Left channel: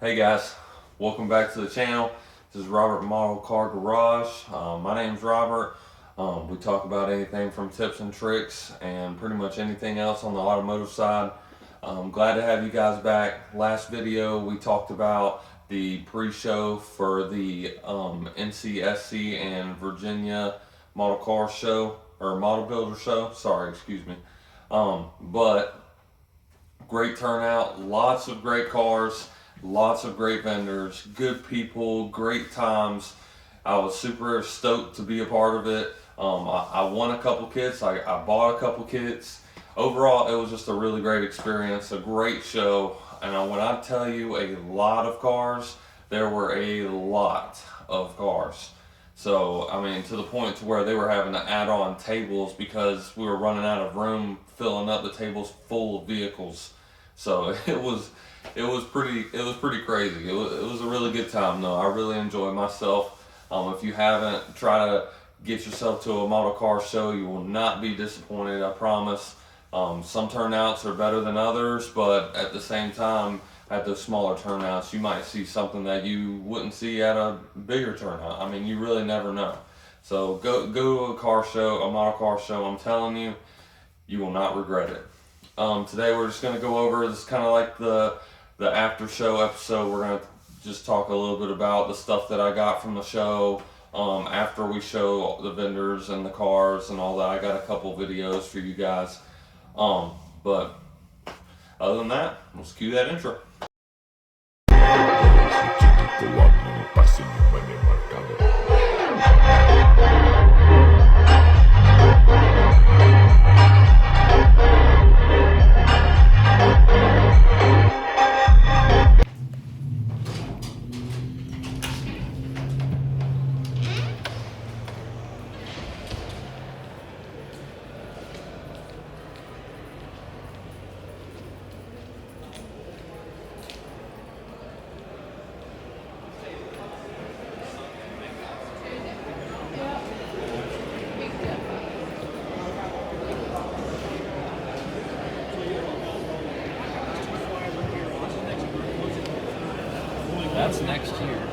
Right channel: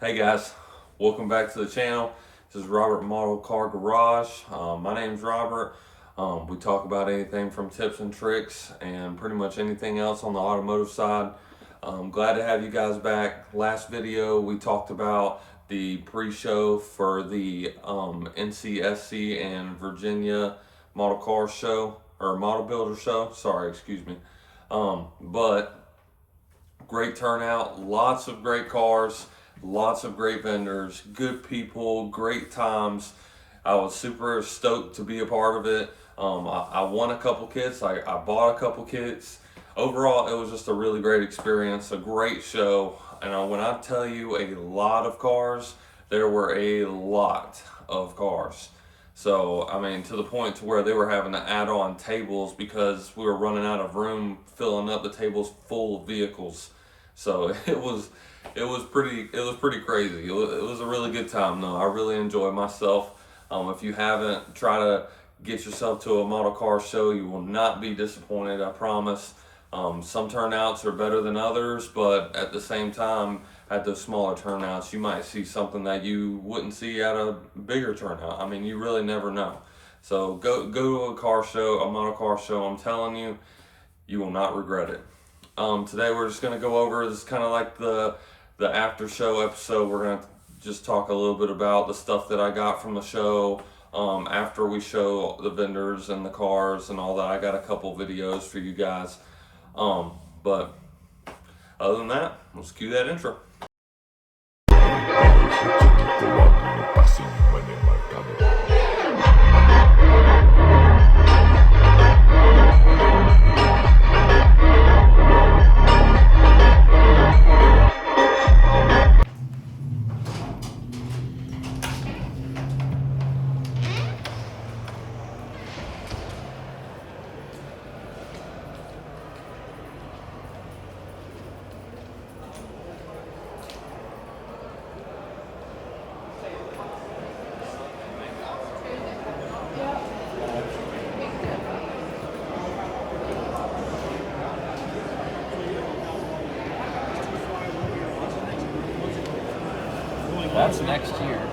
Hey guys, welcome back to the channel. This is Robert Model Car Garage. My name's Robert. We talk about anything from tips and tricks and pretty much anything else on the automotive side. Glad to have you guys back. Last video we talked about the pre-show for the NCSC and Virginia Model Car Show or Model Builder Show. Sorry, excuse me. But great turnout, lots of great cars, lots of great vendors, good people, great times. I was super stoked to be a part of it. I won a couple kits, I bought a couple kits. Overall, it was just a really great experience, a great show. And when I tell you a lot of cars, there were a lot of cars. So, I mean, to the point to where they were having to add on tables because we were running out of room filling up the tables full of vehicles. So it was pretty crazy. It was a really good time though. I really enjoyed myself. If you haven't, try to get yourself to a model car show. You will not be disappointed, I promise. Some turnouts are better than others, but at the same time, at those smaller turnouts, you might see something that you wouldn't see at a bigger turnout. I mean, you really never know. So go to a car show, a model car show. I'm telling you, you will not regret it. Today we're just gonna go over this kind of like the after show episode. We're gonna just talk a little bit about the stuff that I got from the show. After we show the vendors and the cars and all that, I got a couple videos for you guys. But other than that, let's cue that intro. That's next year.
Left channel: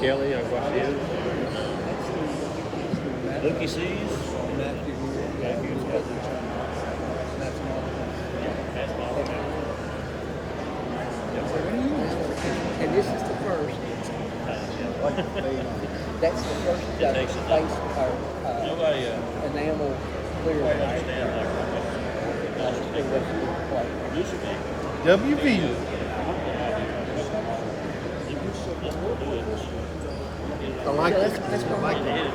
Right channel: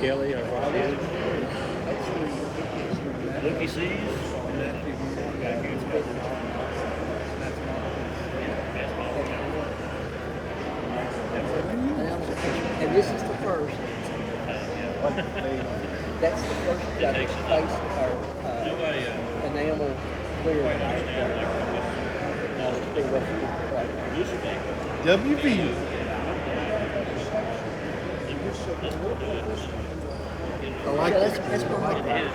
Kelly, I got his. Looky sees. And this is the first. That's the first face enamel clear. WV. I like it. That's I like it.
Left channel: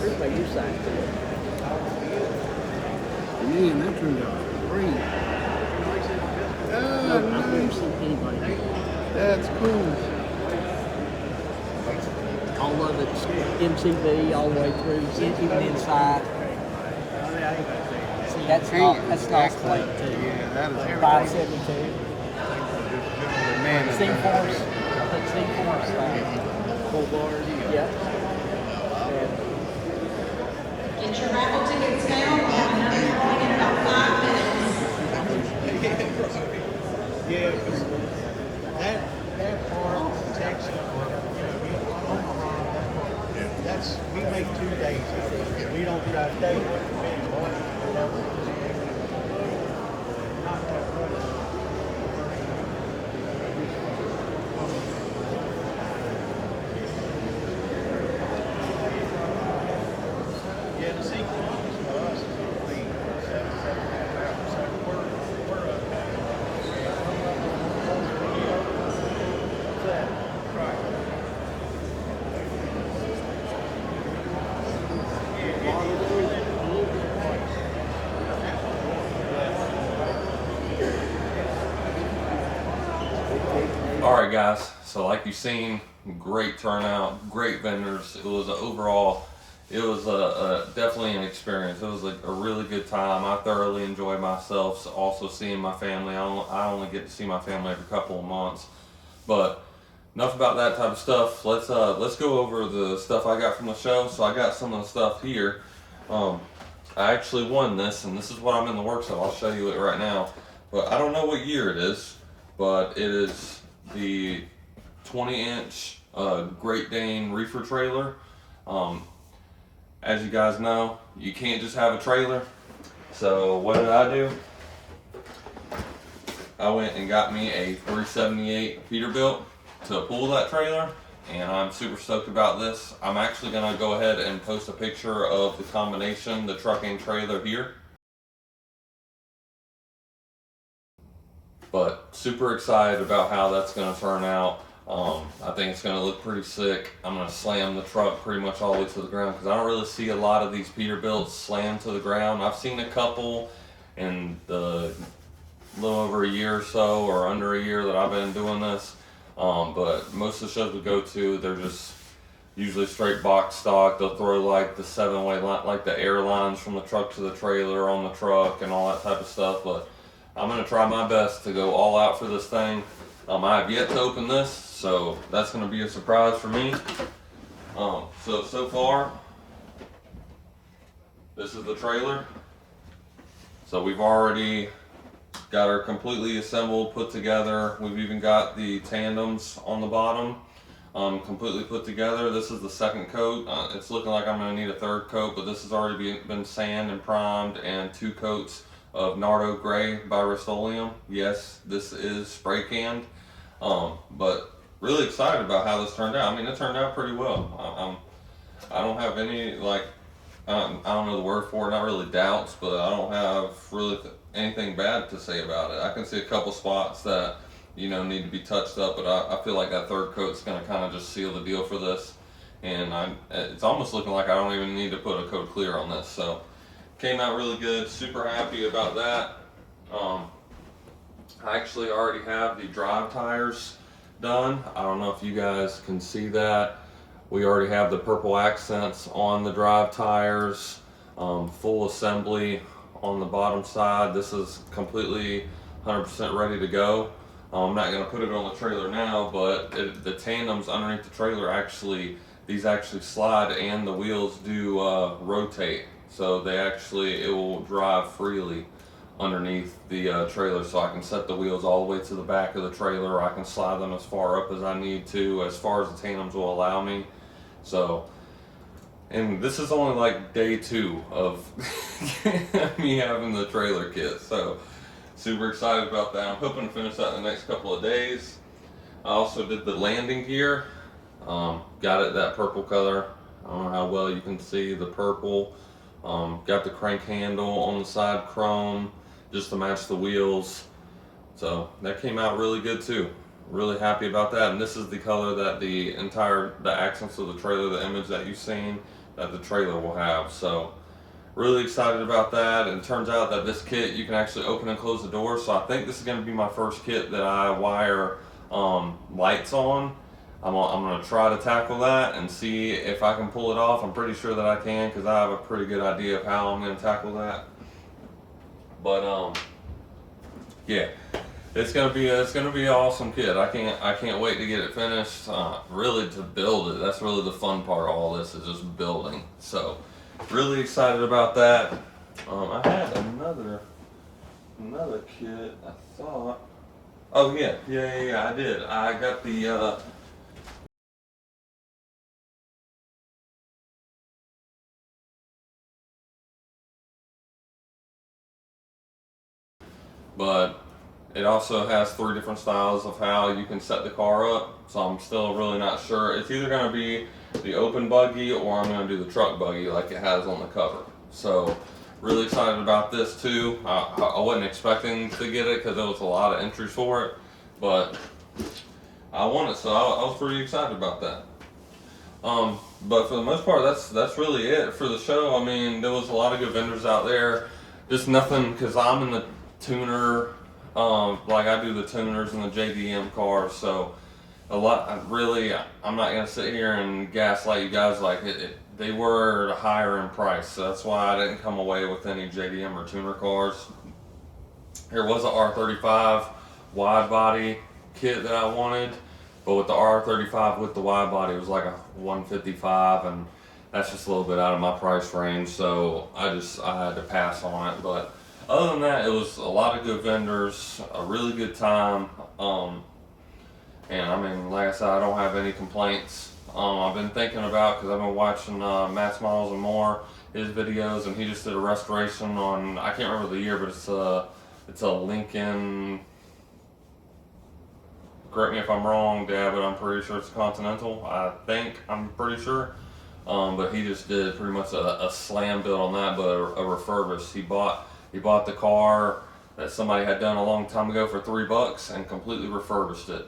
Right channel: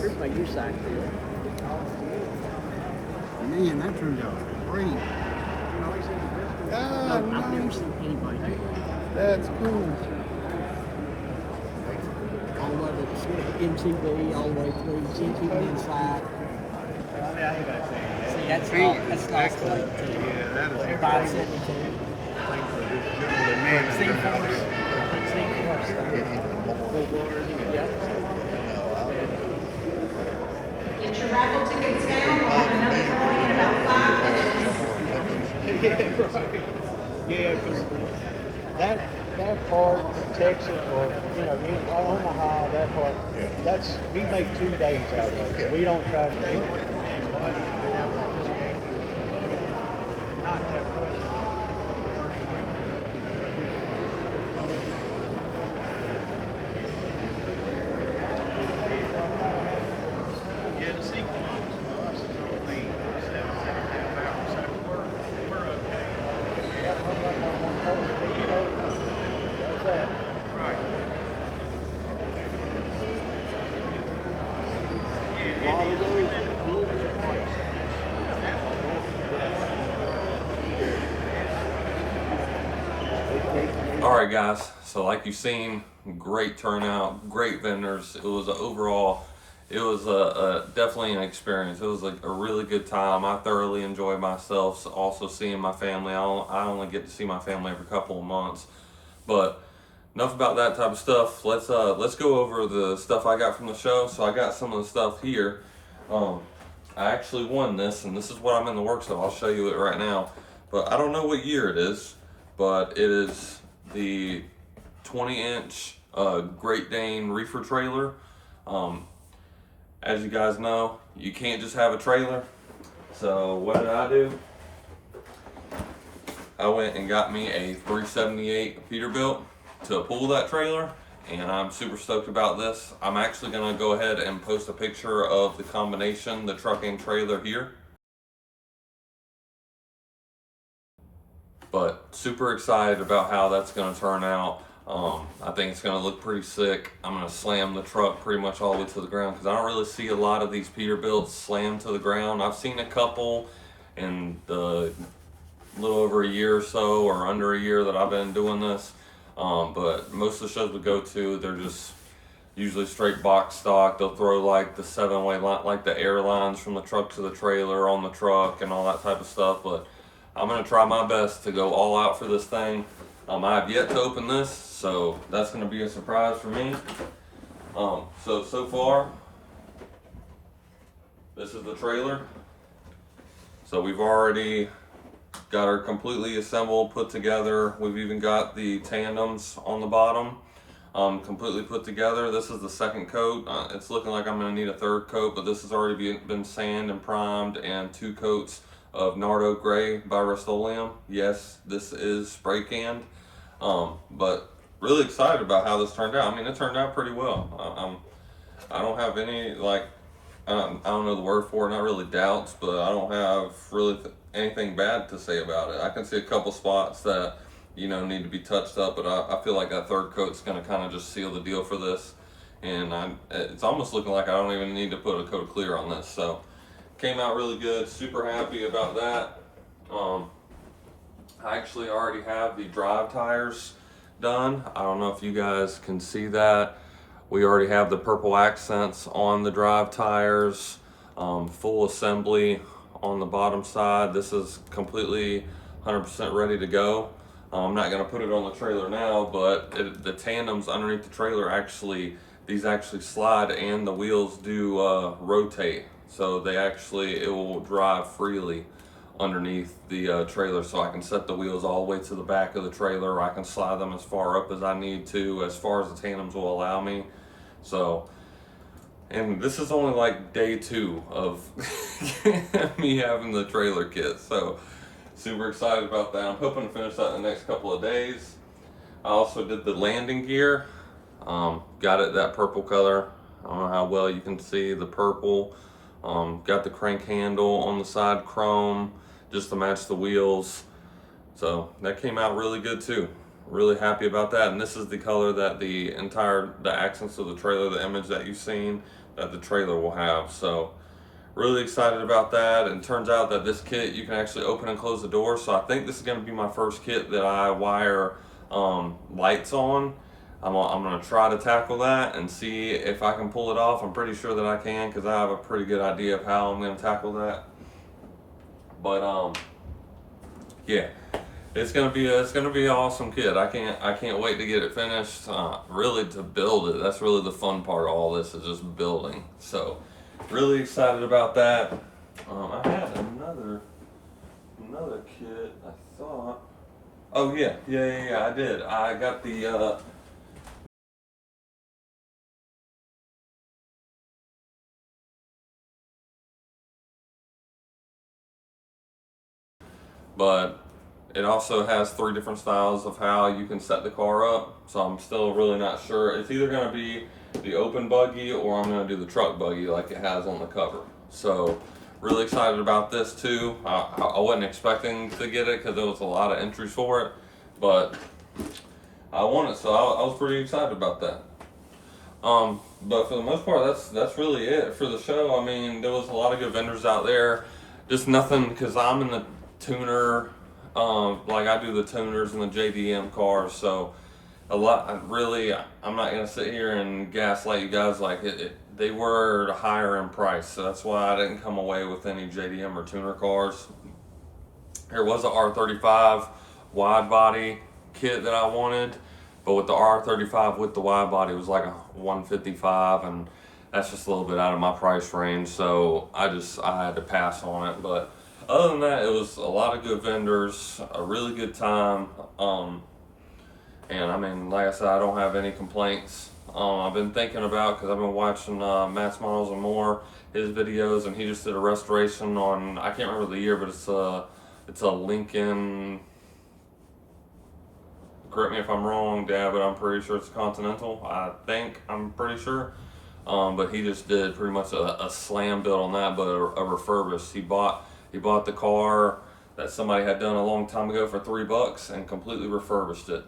Here's my U sign. Man, that turned out great. No, I've never seen anybody do that. That's cool. All of it's MCV all the way through, even inside. See, that's nice plate too. Yeah, that is 572. man. C4s. Yeah. Get your raffle tickets down. We'll have another drawing in about 5 minutes. Yeah, that part, Texas, or, Omaha, that part, we make 2 days out of it. We don't try to stay there. Alright guys, so like you've seen, great turnout, great vendors. It was definitely an experience. It was like a really good time. I thoroughly enjoyed myself. So also seeing my family. I only get to see my family every couple of months. But enough about that type of stuff. Let's go over the stuff I got from the show. So I got some of the stuff here. I actually won this, and this is what I'm in the works of. I'll show you it right now. But I don't know what year it is, but it is the 20-inch Great Dane reefer trailer. As you guys know, you can't just have a trailer. So what did I do? I went and got me a 378 Peterbilt to pull that trailer, and I'm super stoked about this. I'm actually gonna go ahead and post a picture of the combination, the truck and trailer here. But super excited about how that's gonna turn out. I think it's gonna look pretty sick. I'm gonna slam the truck pretty much all the way to the ground because I don't really see a lot of these Peterbilts slammed to the ground. I've seen a couple in the little over a year or so, or under a year that I've been doing this. But most of the shows we go to, they're just usually straight box stock. They'll throw like the 7-way line, like the airlines from the truck to the trailer on the truck and all that type of stuff. But I'm gonna try my best to go all out for this thing. I have yet to open this, so that's gonna be a surprise for me. So far, this is the trailer. So we've already got her completely assembled, put together. We've even got the tandems on the bottom, completely put together. This is the second coat. It's looking like I'm gonna need a third coat, but this has already been sanded and primed, and 2 coats of Nardo Gray by Rust-Oleum. Yes, this is spray canned, but really excited about how this turned out. I mean, it turned out pretty well. I don't have any, like, I don't know the word for it, not really doubts, but I don't have really anything bad to say about it. I can see a couple spots that, need to be touched up, but I feel like that third coat's gonna kind of just seal the deal for this. And it's almost looking like I don't even need to put a coat of clear on this. So came out really good, super happy about that. I actually already have the drive tires done. I don't know if you guys can see that. We already have the purple accents on the drive tires, full assembly on the bottom side. This is completely 100% ready to go. I'm not gonna put it on the trailer now, but the tandems underneath the trailer these actually slide, and the wheels do rotate. So it will drive freely underneath the trailer, so I can set the wheels all the way to the back of the trailer, or I can slide them as far up as I need to, as far as the tandems will allow me. So, and this is only like day 2 of me having the trailer kit, so super excited about that. I'm hoping to finish that in the next couple of days. I also did the landing gear. Got it that purple color. I don't know how well you can see the purple. Got the crank handle on the side chrome just to match the wheels. So that came out really good too. Really happy about that. And this is the color that the accents of the trailer, the image that you've seen, that the trailer will have. So really excited about that. And it turns out that this kit, you can actually open and close the door. So I think this is going to be my first kit that I wire lights on. I'm going to try to tackle that and see if I can pull it off. I'm pretty sure that I can, because I have a pretty good idea of how I'm going to tackle that. But yeah, it's gonna be an awesome kit. I can't wait to get it finished. Really, to build it. That's really the fun part of all this, is just building. So really excited about that. I had another kit, I thought. Oh yeah, I did. I got the but it also has 3 different styles of how you can set the car up. So I'm still really not sure. It's either going to be the open buggy, or I'm going to do the truck buggy like it has on the cover. So really excited about this too. I wasn't expecting to get it because there was a lot of entries for it, but I won it, so I was pretty excited about that. But for the most part, that's really it for the show. I mean, there was a lot of good vendors out there. Just nothing, because I'm in the tuner, like I do the tuners and the JDM cars, so a lot, really, I'm not gonna sit here and gaslight you guys. Like they were higher in price, so that's why I didn't come away with any JDM or tuner cars. There was a R35 wide body kit that I wanted, but with the R35 with the wide body, it was like a 155, and that's just a little bit out of my price range, so I had to pass on it. But other than that, it was a lot of good vendors, a really good time, and I mean, like I said, I don't have any complaints. I've been thinking about, because I've been watching Matt's Models and More, his videos, and he just did a restoration on, I can't remember the year, but it's a Lincoln, correct me if I'm wrong, Dad, but I'm pretty sure it's a Continental. I'm pretty sure. But he just did pretty much a slam build on that, but a refurbished. He bought the car that somebody had done a long time ago for $3 and completely refurbished it.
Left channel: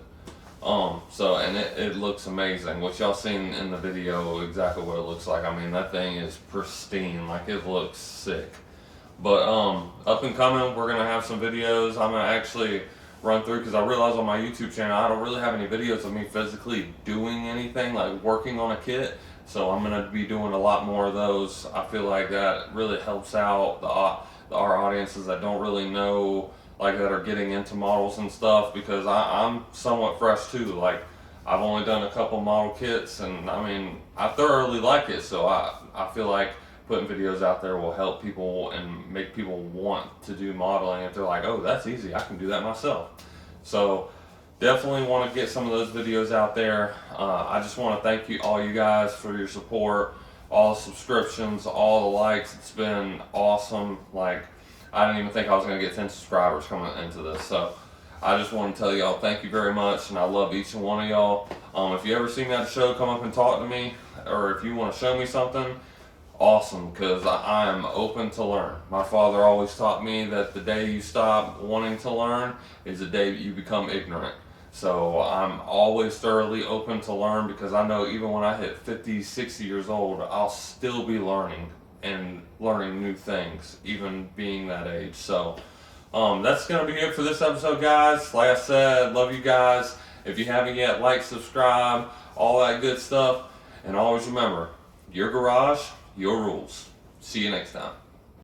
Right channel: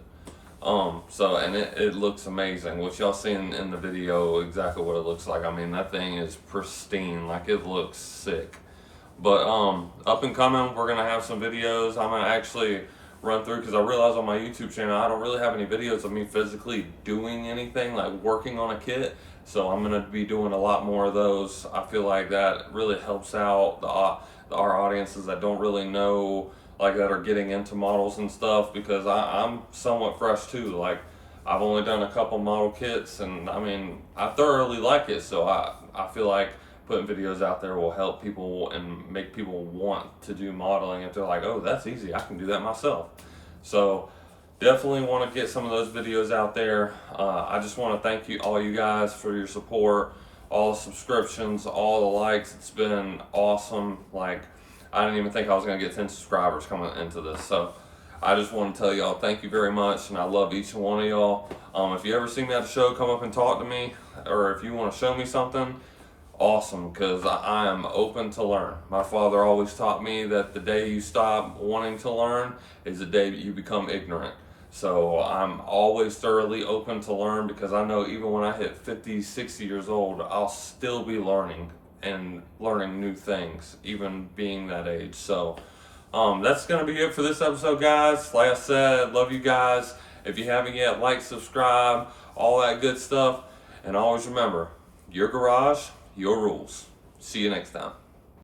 So, and it looks amazing, which y'all seen in the video exactly what it looks like. I mean, that thing is pristine, like it looks sick. But up and coming, we're gonna have some videos. I'm gonna actually run through, because I realized on my YouTube channel I don't really have any videos of me physically doing anything, like working on a kit. So I'm gonna be doing a lot more of those. I feel like that really helps out our audiences that don't really know, like that are getting into models and stuff, because I'm somewhat fresh too. Like I've only done a couple model kits, and I mean, I thoroughly like it. So I feel like putting videos out there will help people and make people want to do modeling, if they're like, oh, that's easy, I can do that myself. So definitely want to get some of those videos out there. I just want to thank all you guys for your support, all the subscriptions, all the likes. It's been awesome. Like, I didn't even think I was going to get 10 subscribers coming into this. So I just want to tell y'all thank you very much, and I love each and one of y'all. If you ever see me at a show, come up and talk to me, or if you want to show me something, awesome, because I am open to learn. My father always taught me that the day you stop wanting to learn is the day you become ignorant. So I'm always thoroughly open to learn, because I know even when I hit 50, 60 years old, I'll still be learning and learning new things, even being that age. So that's going to be it for this episode, guys. Like I said, love you guys. If you haven't yet, like, subscribe, all that good stuff. And always remember, your garage, your rules. See you next time.